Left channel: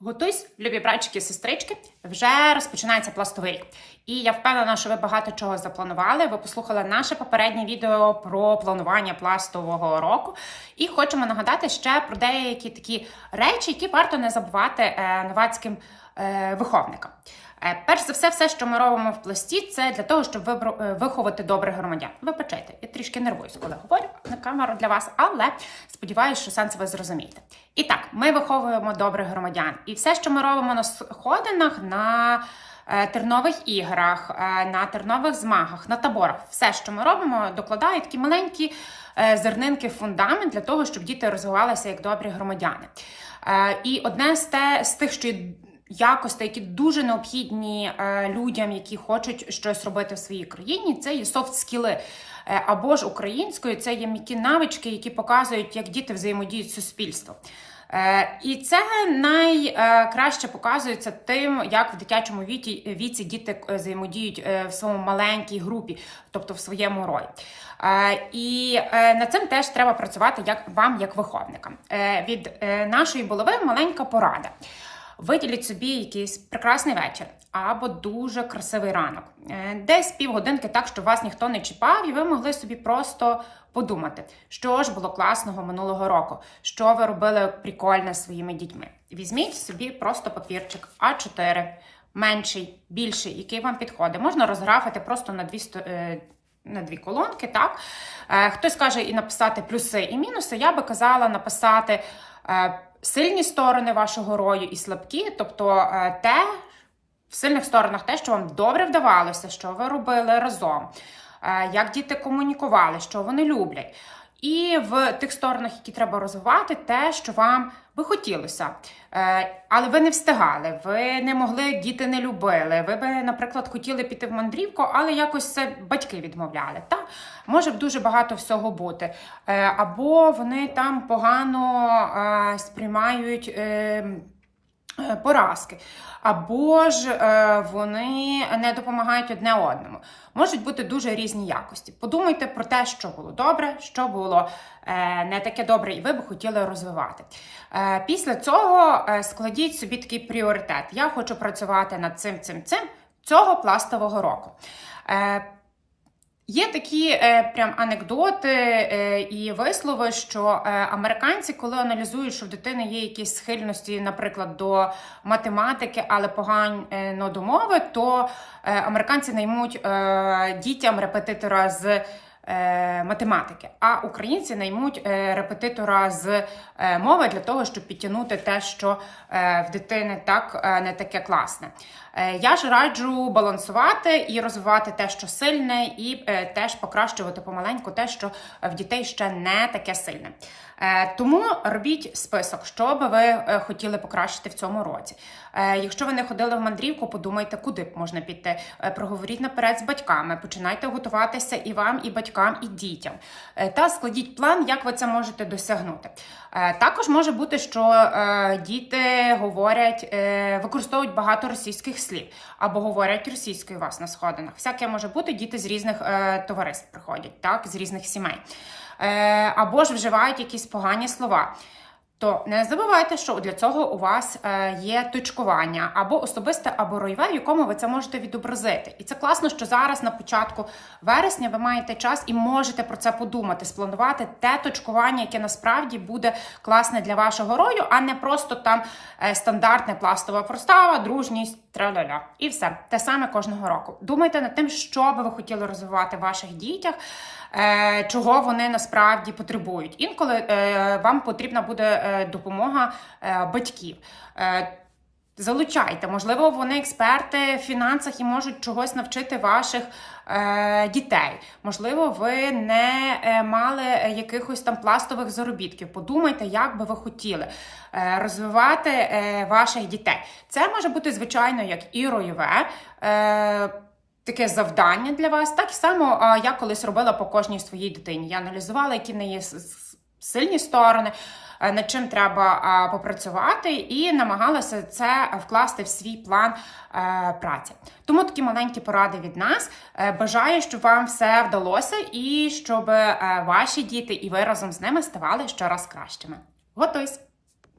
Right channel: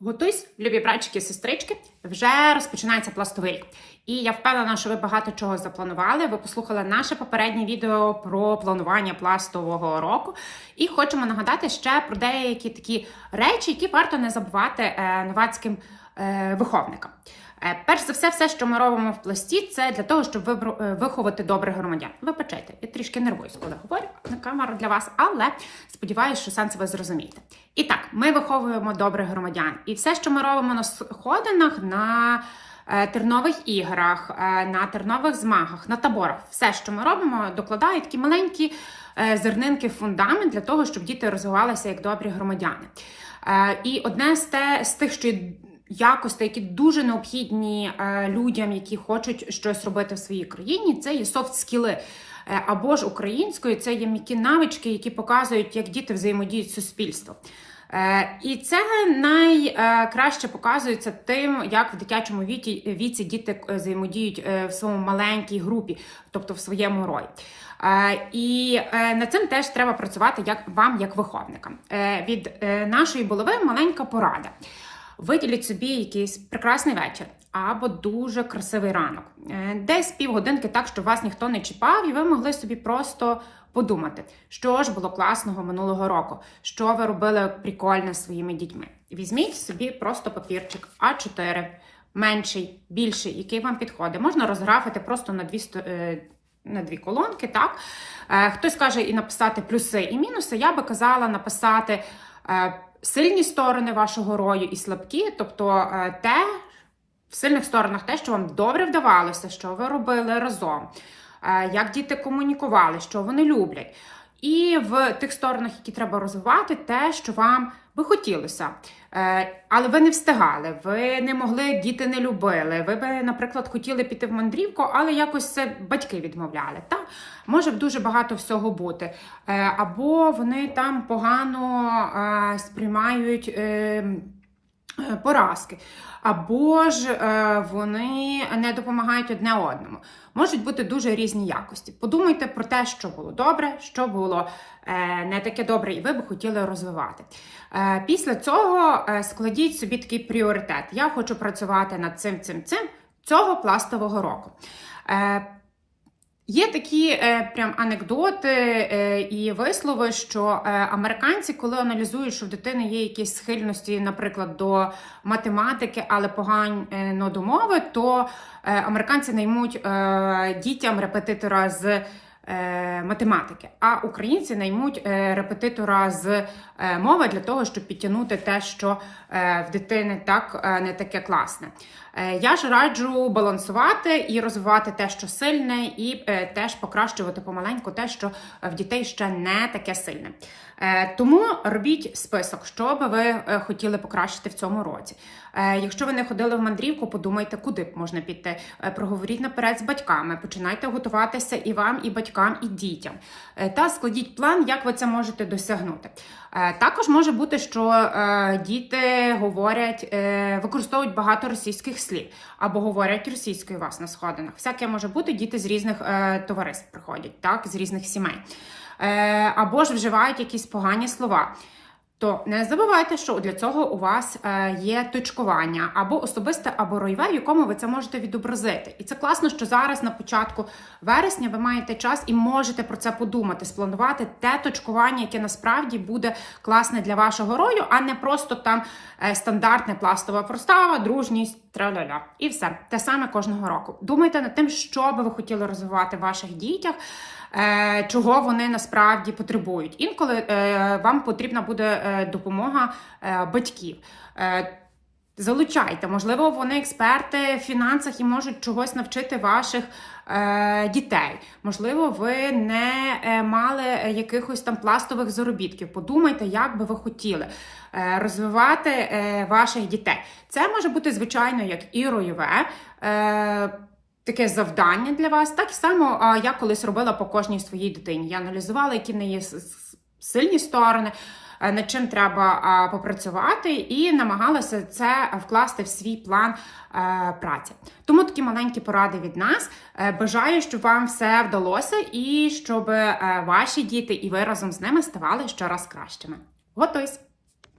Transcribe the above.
Готуйсь, любі братчики, сестрички, вже розпочинається пластовий рік. І я впевнена, що ви багато чого запланували. Ви послухали наше попереднє відео про планування пластового року. І хочемо нагадати ще про деякі такі речі, які варто не забувати е, новацьким е, виховникам. Е, Перш за все, все, що ми робимо в пласті, це для того, щоб е, виховати добрих громадян. Вибачайте, я трішки нервуюсь, коли говорю на камеру для вас, але сподіваюся, що сенс ви зрозумієте. І так, ми виховуємо добрих громадян. І все, що ми робимо на сходинах, на е, тернових іграх, на тернових змагах, на таборах, все, що ми робимо, докладає такі маленькі зернинки в фундамент для того, щоб діти розвивалися як добрі громадяни. І одне з тих, що якостей, які дуже необхідні е, людям, які хочуть щось робити в своїй країні, це є софт скіли. Е, Або ж українською це є м'які навички, які показують, як діти взаємодіють з суспільством. Е, І це найкраще показується тим, як в дитячому віці, віці діти взаємодіють в своєму маленькій групі, тобто в своєму рої. Е, І над цим теж треба працювати як вам, як виховникам. Від нашої булави маленька порада. Виділіть собі якийсь прекрасний вечір або дуже красивий ранок, Е, десь півгодинки так, щоб вас ніхто не чіпав, і ви могли собі просто подумати, що ж було класного минулого року, що ви робили прикольне своїми дітьми. Візьміть собі просто папірчик А4, менший, більший, який вам підходить. Можна розграфити просто на дві е, на дві колонки, так? Е, Хтось каже і написати плюси і мінуси. Я би казала написати сильні сторони вашого рою і слабкі, тобто е, те, в сильних сторонах те, що вам добре вдавалося, що ви робили разом, е, як діти комунікували, що вони люблять. І в тих сторонах, які треба розвивати, те, що вам би хотілося. Е, Але ви не встигали, ви не могли, діти не любили. Ви би, наприклад, хотіли піти в мандрівку, але якось це батьки відмовляли. Та? Може дуже багато всього бути. Е, Або вони там погано е, сприймають. Е, Поразки, або ж е, вони не допомагають одне одному. Можуть бути дуже різні якості. Подумайте про те, що було добре, що було е, не таке добре, і ви би хотіли розвивати. Після цього складіть собі такий пріоритет. Я хочу працювати над цим, цим, цим цього пластового року. Е, Є такі е, прям анекдоти е, і вислови, що е, американці, коли аналізують, що в дитини є якісь схильності, наприклад, до математики, але погано до мови, то е, американці наймуть е, дітям репетитора з е, математики, а українці наймуть е, репетитора з е, мови для того, щоб підтягнути те, що е, в дитини так е, не таке класне. Е, Я ж раджу балансувати і розвивати те, що сильне, і е, теж покращувати помаленьку те, що в дітей ще не таке сильне. Е, Тому робіть список, що би ви е, хотіли покращити в цьому році. Е, Якщо ви не ходили в мандрівку, подумайте, куди б можна піти. Е, Проговоріть наперед з батьками, починайте готуватися і вам, і батькам, і дітям. Е, Та складіть план, як ви це можете досягнути. Е, Також може бути, що е, діти говорять, використовують багато російських слів або говорять російською вас на сходинах. Всяке може бути, діти з різних товариств приходять, так, з різних сімей. Або ж вживають якісь погані слова. То не забувайте, що для цього у вас е, є точкування або особисте, або ройве, в якому ви це можете відобразити. І це класно, що зараз на початку вересня ви маєте час і можете про це подумати, спланувати те точкування, яке насправді буде класне для вашого рою, а не просто там е, стандартне пластова простава, дружність, траля-ля. І все те саме кожного року. Думайте над тим, що би ви хотіли розвивати в ваших дітях. е, Чого вони насправді потребують. Інколи е, вам потрібна буде е, допомога е, батьків. Е, Залучайте, можливо, вони експерти в фінансах і можуть чогось навчити ваших е, дітей. Можливо, ви не е, мали якихось там пластових заробітків. Подумайте, як би ви хотіли е, розвивати ваших дітей. Це може бути, звичайно, як і ройове. Таке завдання для вас, так само я колись робила по кожній своїй дитині. Я аналізувала, які в неї сильні сторони, над чим треба попрацювати, і намагалася це вкласти в свій план е, праці. Тому такі маленькі поради від нас. Е, Бажаю, щоб вам все вдалося і щоб е, ваші діти і ви разом з ними ставали щораз кращими. Готуйсь!